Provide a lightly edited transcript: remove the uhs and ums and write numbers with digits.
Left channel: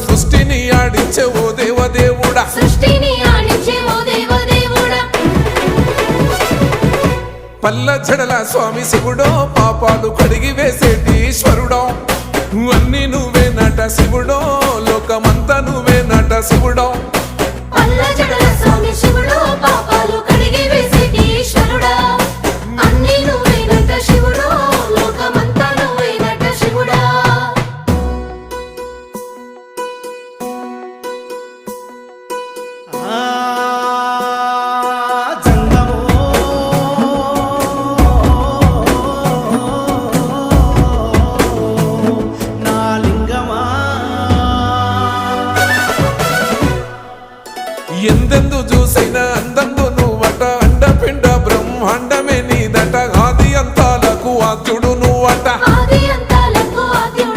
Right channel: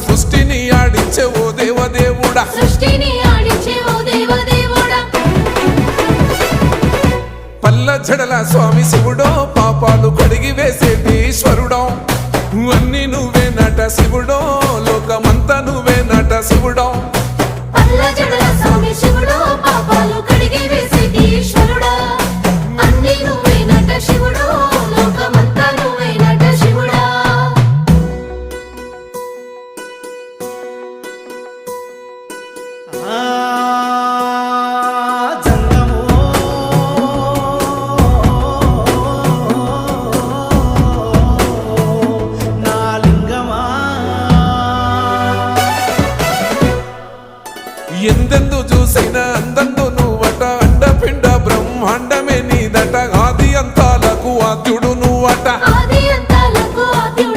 సృష్టిని ఆడించే ఓ దేవదేవుడా పల్ల జడల స్వామి శివుడో పాపాలు కడిగి వేసేటి ఈశ్వరుడో అన్ని నువ్వే నట శివుడో లోకమంతా నువ్వే నట శివుడో ఎందెందు చూసిన అందందు నువ్వట అండపిండ బ్రహ్మాండమే నీదట ఆది అంతాలకు ఆద్యుడు నువ్వట